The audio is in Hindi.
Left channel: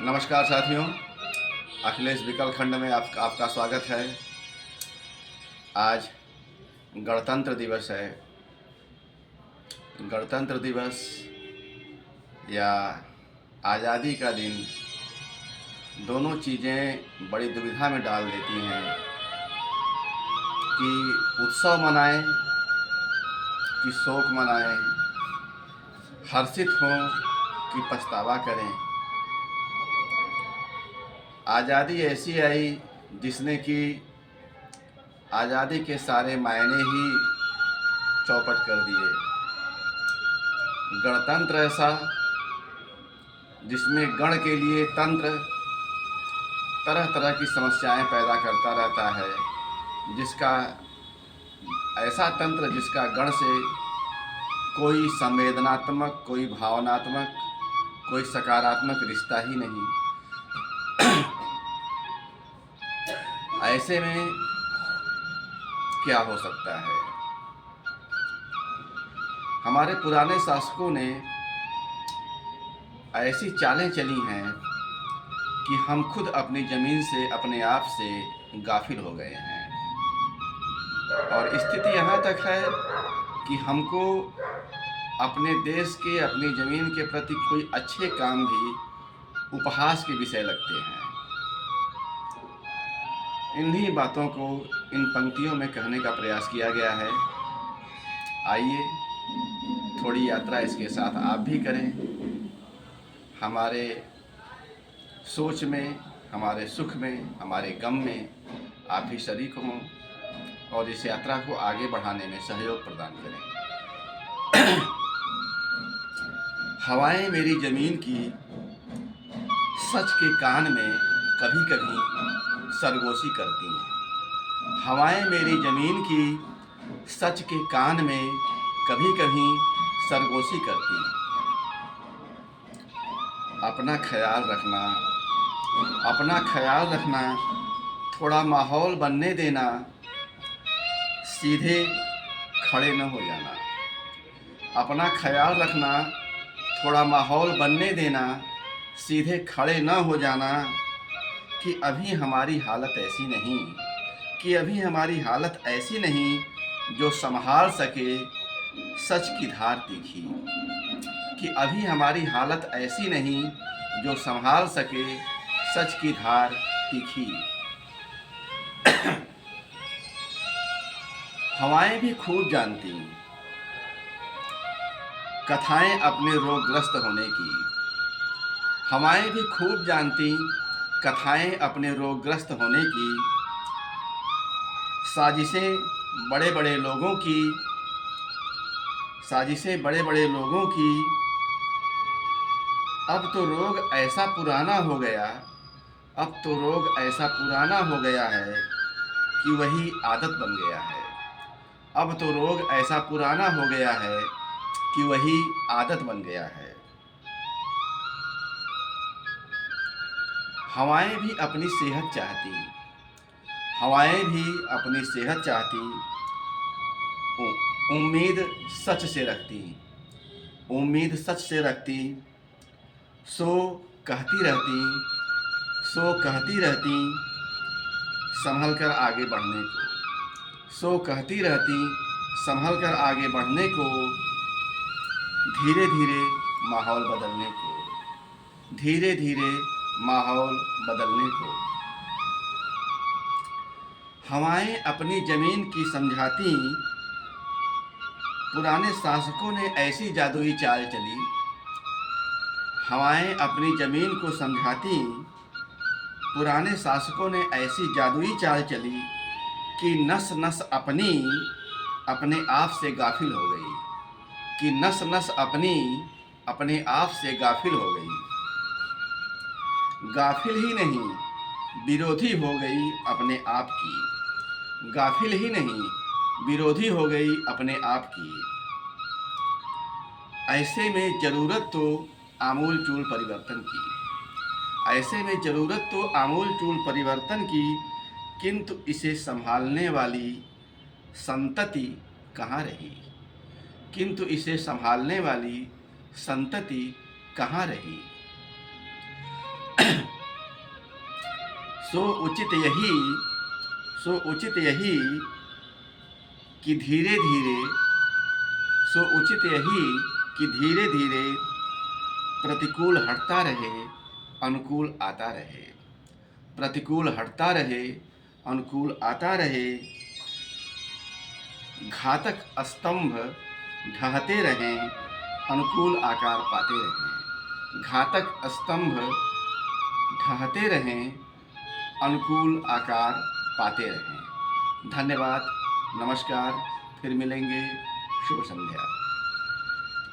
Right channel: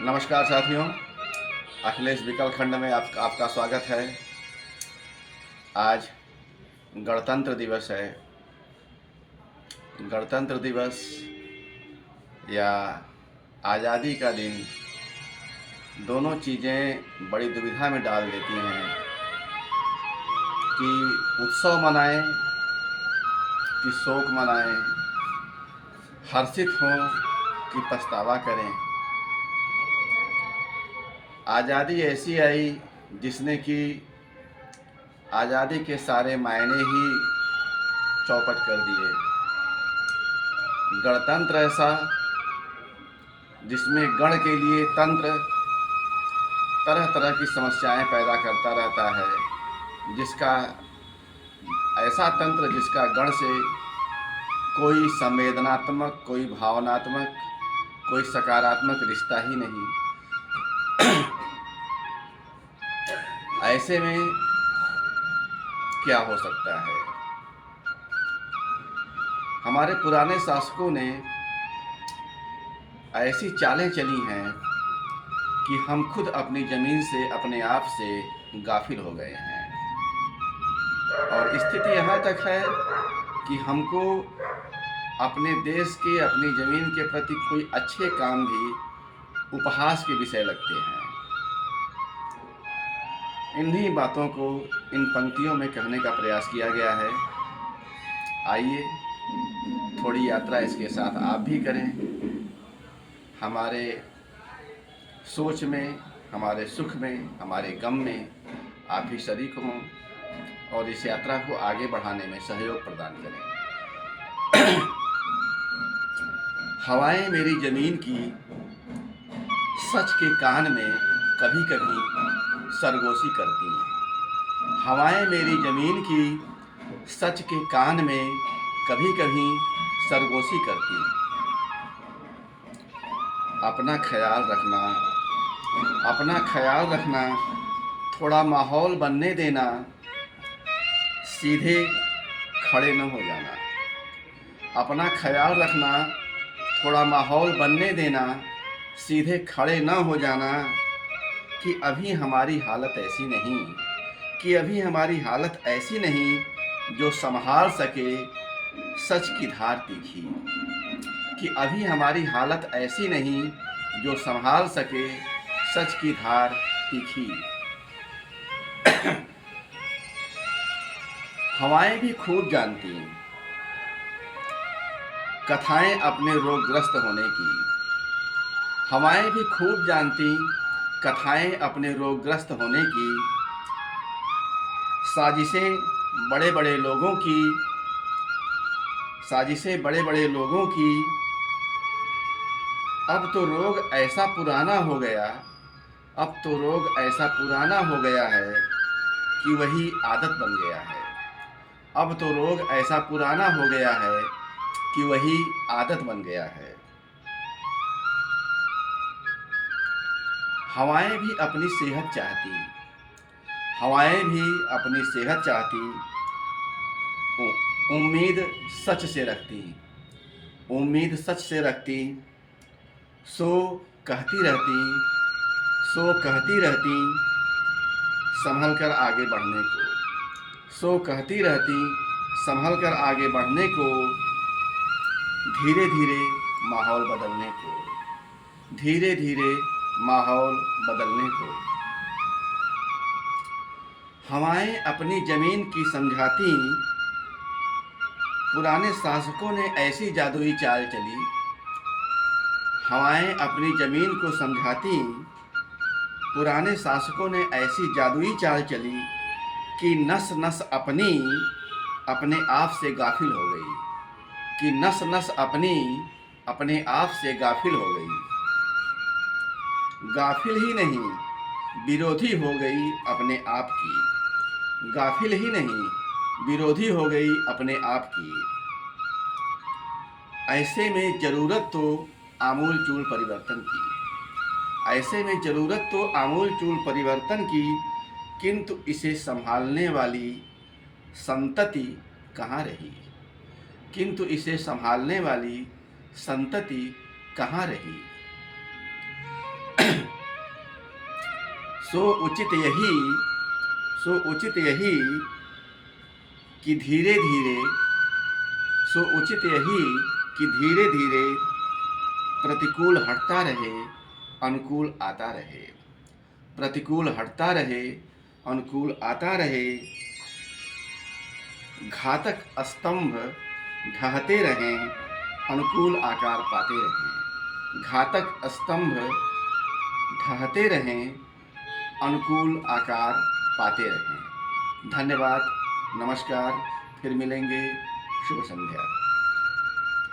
नमस्कार साथियों, अखिलेश विकल खंड में आपका स्वागत है। आज गणतंत्र दिवस है। गणतंत्र दिवस या आज़ादी का दिन दोनों चीज़ें बड़ी दुविधा में डाल देती हैं कि उत्सव मनाएं कि शोक मनाएं, हर्षित हों कि पछतावा करें। आज़ादी ऐसी आई जिसने कि आज़ादी के सारे मायने ही चौपट कर दिए। गणतंत्र ऐसा जिसमें गण के लिए तंत्र तरह तरह की समस्याएं पैदा करता रहता है, जिसका ऐसा तंत्र जिसका गण से कोई संवेदनात्मक, कोई भावनात्मक, कोई सकारात्मक रिश्ता ही नहीं। ऐसे में क्या हो सकता है? हमारे पुराने शासकों ने ऐसी चालें चली हैं कि हम खुद अपनी ज़मीन से, अपने आप से गाफिल हो गए हैं। और स्थिति यहाँ तक है कि हमको अपने देश के, अपनी ज़मीन के प्रति कोई अच्छे काम भी उपहास के विषय लगते हैं। इन्हीं बातों को इन पंक्तियों में कहने का प्रयास किया गया है। आइए थोड़ी यात्रा इसके साथ आप भी करें। हमारे सोच में, हमारे सुख में, हमारे गम में आप भी शरीक हों और इस यात्रा को आगे बढ़ाने में सहयोग प्रदान करें। हवाएं मेरी ज़मीन की सच के कान में कभी कभी सरगोशी करती हैं। हवाएं मेरी ज़मीन की सच के कान में कभी कभी सरगोशी करती हैं। अपना ख्याल रखना, अपना ख्याल रखना, थोड़ा माहौल बनने देना, सीधे खड़े न हो जाना। अपना ख्याल रखना, थोड़ा माहौल बनने देना, सीधे खड़े न हो जाना। कि अभी हमारी हालत ऐसी नहीं, कि अभी हमारी हालत ऐसी नहीं जो संभाल सके सच की धार तीखी। कि अभी हमारी हालत ऐसी नहीं जो संभाल सके सच की धार तीखी। हवाएं भी खूब जानती कथाएं अपने रोगग्रस्त होने की। हवाएं भी खूब जानती कथाएं अपने रोगग्रस्त होने की। साजिशें बड़े बड़े लोगों की, साजिशें बड़े बड़े लोगों की। अब तो रोग ऐसा पुराना हो गया, अब तो रोग ऐसा पुराना हो गया है कि वही आदत बन गया है। अब तो रोग ऐसा पुराना हो गया है कि वही आदत बन गया है। हवाएं भी अपनी सेहत चाहती, हवाएं भी अपनी सेहत चाहती। उम्मीद सच से रखती, उम्मीद सच से रखती। सो कहती रहती, सो कहती रहती संभल कर आगे बढ़ने को। सो कहती रहती संभल कर आगे बढ़ने को। धीरे धीरे माहौल बदलने को, धीरे धीरे माहौल बदलने को। हवाएं अपनी ज़मीन की समझाती। पुराने शासकों ने ऐसी जादुई चाल चली। हवाएं अपनी ज़मीन को समझाती। पुराने शासकों ने ऐसी जादुई चाल चली कि नस नस अपनी अपने आप से गाफिल हो गई। कि नस नस अपनी अपने आप से गाफिल हो गई। गाफिल ही नहीं, विरोधी हो गई अपने आप की। गाफिल ही नहीं, विरोधी हो गई अपने आप की। ऐसे में ज़रूरत तो आमूल चूल परिवर्तन की। ऐसे में ज़रूरत तो आमूल चूल परिवर्तन की, किंतु इसे संभालने वाली संतति कहाँ रही? किंतु इसे संभालने वाली संतति कहाँ रही? सो उचित यही कि धीरे धीरे सो उचित यही कि धीरे धीरे प्रतिकूल हटता रहे, अनुकूल आता रहे। प्रतिकूल हटता रहे, अनुकूल आता रहे। घातक स्तंभ ढहते रहें, अनुकूल आकार पाते रहें। घातक स्तंभ ढहते रहें, अनुकूल आकार पाते रहें। धन्यवाद, नमस्कार, फिर मिलेंगे। शुभ संध्या।